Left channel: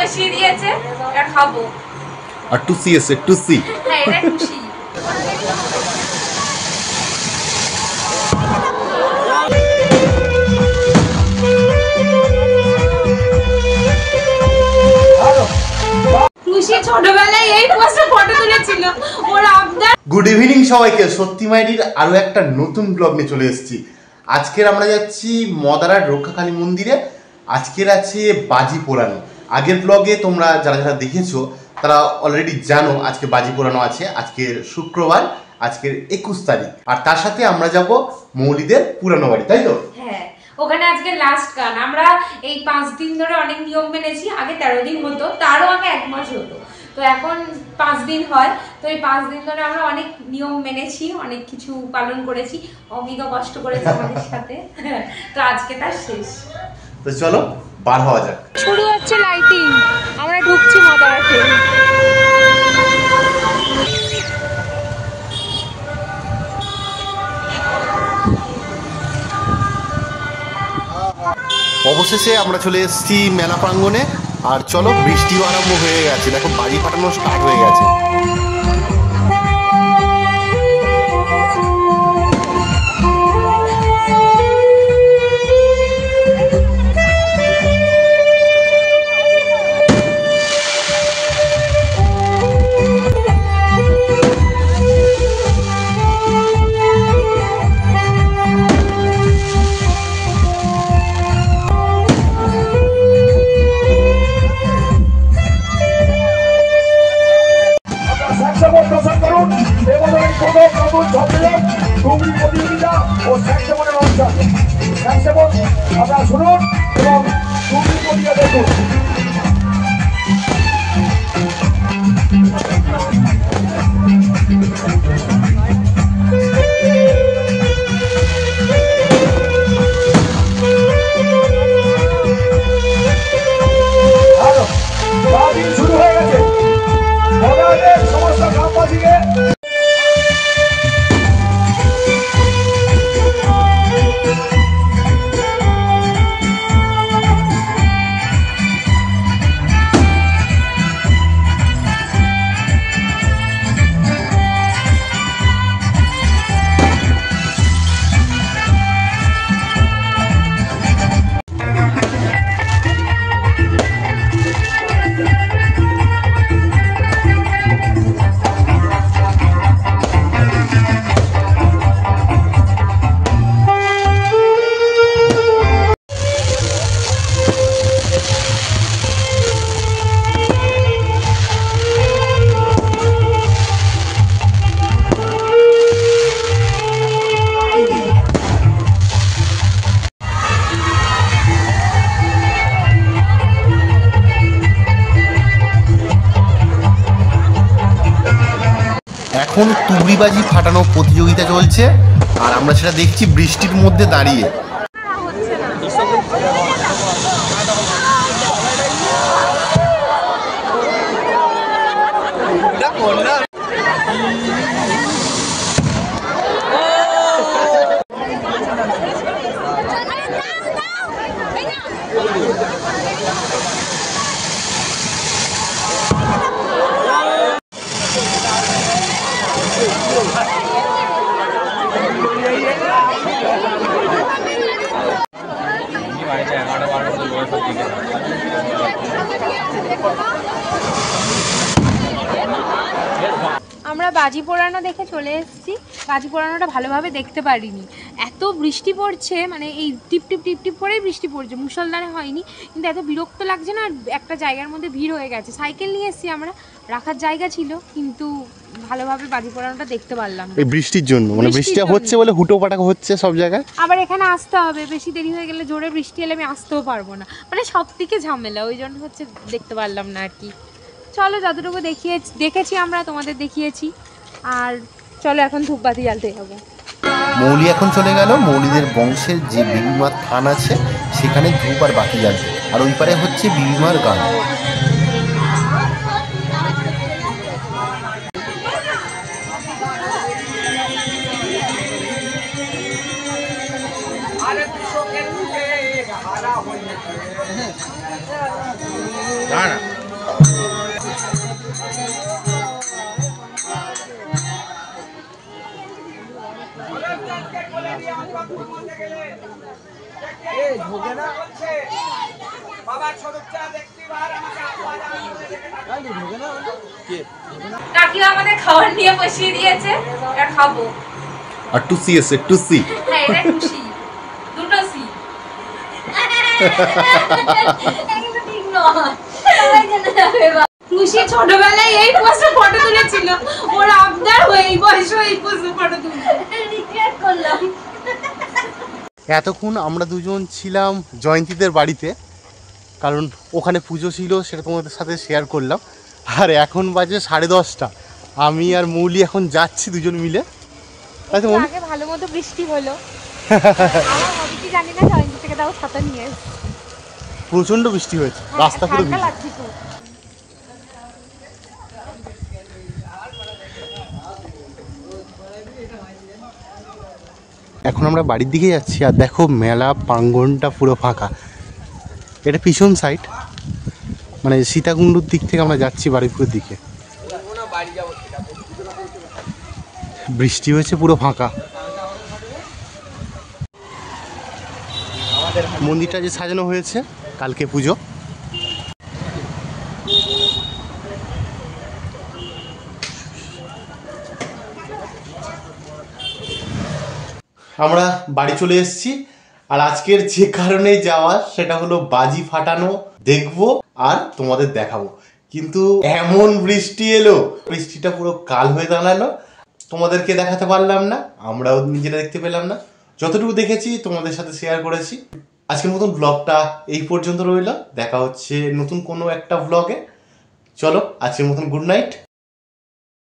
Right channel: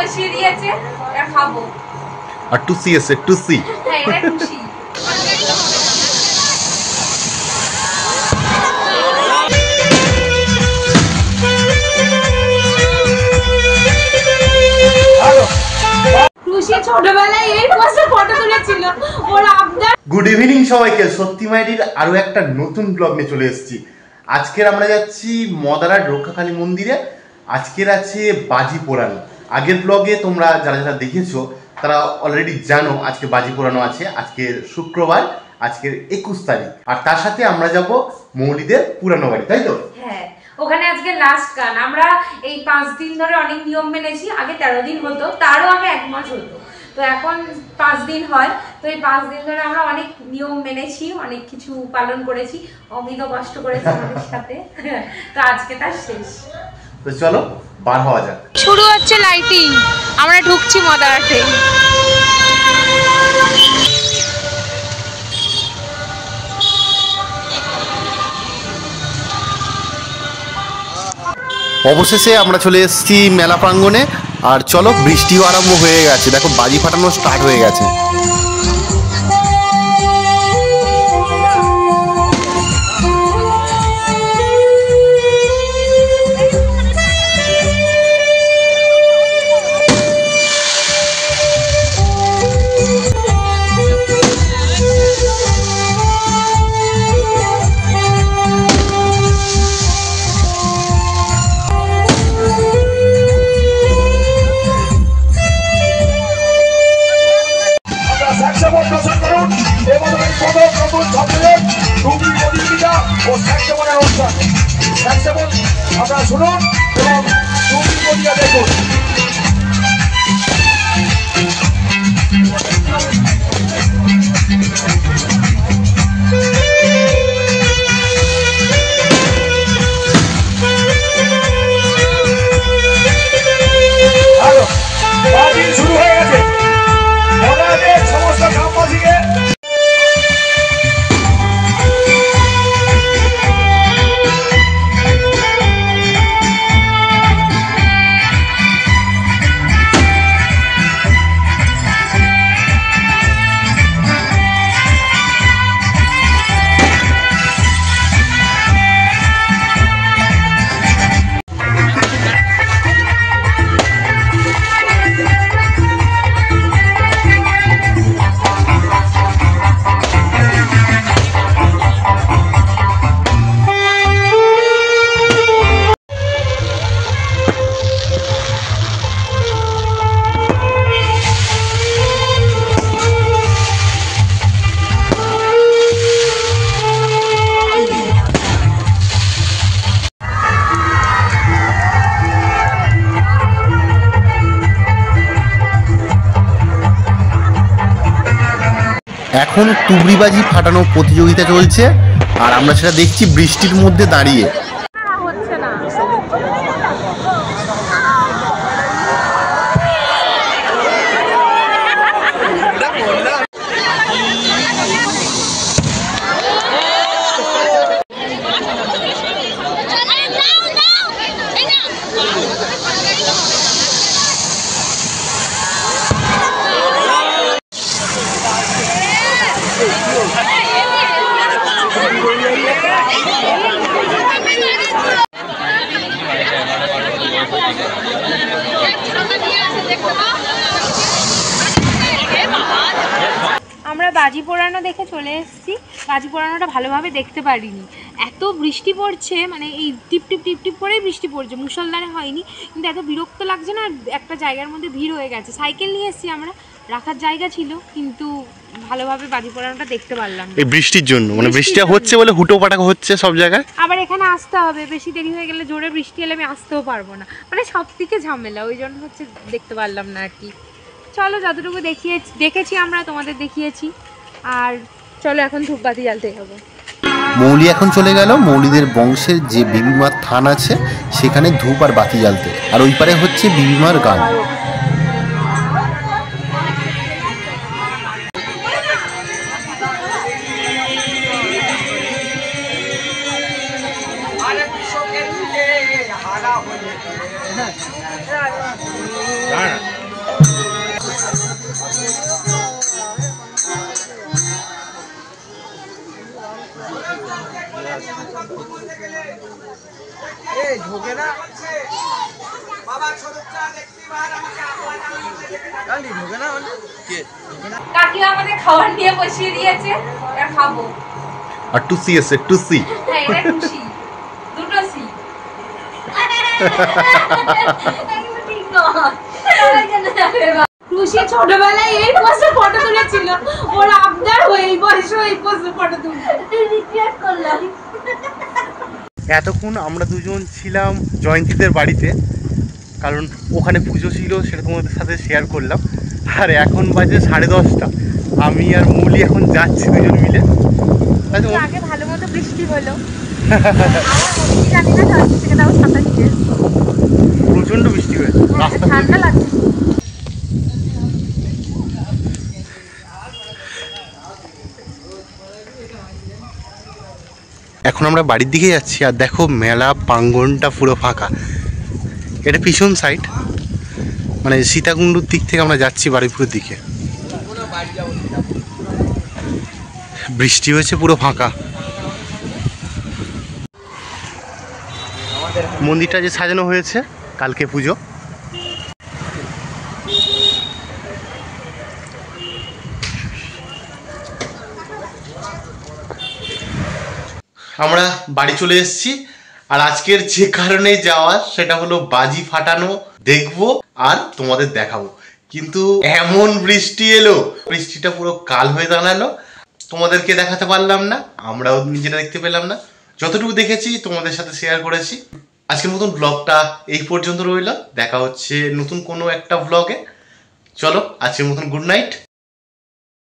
বসিয়ে দিয়েছে, এটা খাবো। আর টুসি আছে, টুসি। হ্যাঁ, এটা টুসি। ছোটবেলায় এই পাশে ফটো তুলেছিল ওর আবদার। গুড ইভিনিং সবাইকে, সত্যি মাইডির আরো একটা নতুন ব্লগ নিয়ে চলে এসেছি। আজকের আমরা যাচ্ছি মদারার রক্ষাকালী মন্দিরে। আজকের আছে বাজি পোড়ানো। আগের ব্লগে তোমরা যারা যারা দেখেছো তারা অলরেডি জানো আজকে বাজি পোড়ানো আছে। আজকের শুক্রবার, আজকের 21 তারিখ। আর তার সাথে আমরা যাব মৌলিদের পুরানো বাড়ি, তাই তো? হ্যাঁ, ওখানে আজকে লাস্ট গান। আমরা এই 5 দিন ধরে অনেক নিয়ম মেনেছি। আগে 13 দিন হতো, তারও আগে 1 মাস হতো, তো এখন 5 দিন হয়। তো এই 5 দিন ধরে আমরা অনেক নিয়ম মেনেছি, অনেক কিছু পালন করেছি, অমিত কষ্ট করেছি আমাদের সাথে। তো আজকে তার শেষ। তো চলো বার হওয়া যাক। শুরু হচ্ছে লাইটিং, আমরা ঢুকছি মদারাতে। অবশেষে আমরা চলে এসেছি মেলা প্রাঙ্গণে। আর চলো, বৃষ্টিও আরম্ভ হয়ে গেছে, দেখো বাজি ফাটানো স্টার্ট হয়ে গেছে। আপনারা শুনুন এবং দেখুন। শুরু হয়ে গেছে সমস্ত গ্রামবাসীকে। এখন তুবড়িবাজি ফাটানো প্রতিযোগিতা চলছে, আর আমরা সেটা দেখছি বৃষ্টির মধ্যে দাঁড়িয়ে। আমরা বাজি পোড়ানো দেখে চলে এসেছি। বাজি পোড়ানোটা ভালোভাবে দেখতে পারিনি, এত বৃষ্টি পড়ছে, মানে এই টিপ টিপ টিপ টিপ করেই বৃষ্টি পড়ছে, মুষলধারে হয়নি, কিন্তু এত বিরক্ত লাগছে না। একটা জায়গার মধ্যে ভিড় হয়ে গেছে, সাইকেল নিয়ে এসেছি আমরা, রাখার জায়গা ছিল, কিন্তু ভালোভাবে বাজি পোড়ানোটা দেখতে পারলাম না। এই বৃষ্টির জন্য, মানে বৃষ্টি হচ্ছে বলে হুটো পাটাকা হচ্ছে সব জায়গায়। আবার এখানে আসতে হবে, বেশি দেরি হয়ে গেলে, জোরে বৃষ্টি এলে আমি আসতেও পারবো না, মানে সব দিকে ঝামেলা, ওই জন্য হচ্ছে দেখতে পারলাম না আর কি। চলো, যতটুকু দেখেছি আমরা তোমাদের দেখিয়েছি। আর চলো এখন ধূপবাতি জ্বালতে যাবো। মৌলি এখন চলে গেল মৌলিদের বংশের যে বিবিমার থান আছে সেখানে ধূপ আর বাতি জ্বালতে, আর ওই পারে হচ্ছে বিবিমার গান। হারা হয়ে কাকিমা আমাদের খাবার নিয়ে বসিয়ে দিয়েছে, এবার খাবো। আর টুসি এসে টুসি। হ্যাঁ এটা টুসি, দুটো সি। ঠিক নয়। টুসি ছোটবেলায় এই পোজে ফটো তুলেছিল, ওর আবদার হয়ে এই বয়সে এই পোজে ফটো তুলছে। রিগ্রেট করলাম। এতক্ষণ আমরা দুজন ছিলাম জয়ন্তীদের বাড়িতে, কারণ ওখানে পুজো ছিল, সেটা তোমাদের সাথে শেয়ার করলাম। আর এখন বাজে 10:30, আমি আর মৌলি এখন যাচ্ছি দুজন মিলে। আগে ভালো মতো বৃষ্টি হলো, আমার হচ্ছে জানি না, জয়ন্তী থেকে তাও ছাতা নিয়ে এসেছি। প্রচন্ড বৃষ্টি হয়েছে, রাস্তা ঠান্ডা লাগছে। এখন আমরা বাড়ির দিকে যাচ্ছি, আর দেখো মেলা প্রাঙ্গণটা পুরো ফাঁকা। এটা পিছন সাইড, মানে সীতাকুণ্ডুর দিক থেকে আমরা যাচ্ছি বারুইপুরের দিকে। বৃষ্টি হয়েছে, পুরো ফাঁকা। মন্দিরটা যে সাজানো হয়েছে কালকে পুজো। আমরা বাড়ি চলে এসেছি, আর আজকের যে কারণে যাওয়া সেটা হলো বাজি ফাটানো দেখবো আর তোমাদের দেখাবো। কিন্তু এমন বৃষ্টি এলো, বৃষ্টিটা পুরো কাল হয়ে দাঁড়ালো, তোমাদেরকে দেখাতে পারলাম না, আমরাও নিজেরা দেখতে পেলাম না। যতটুকু দেখেছি তোমাদের সাথে শেয়ার করেছি। আজকের মতন ব্লগটা এই পর্যন্ত রইল, দেখা হচ্ছে নতুন কোনো একটা ব্লগে। চলো আজকের মতন গুড নাইট।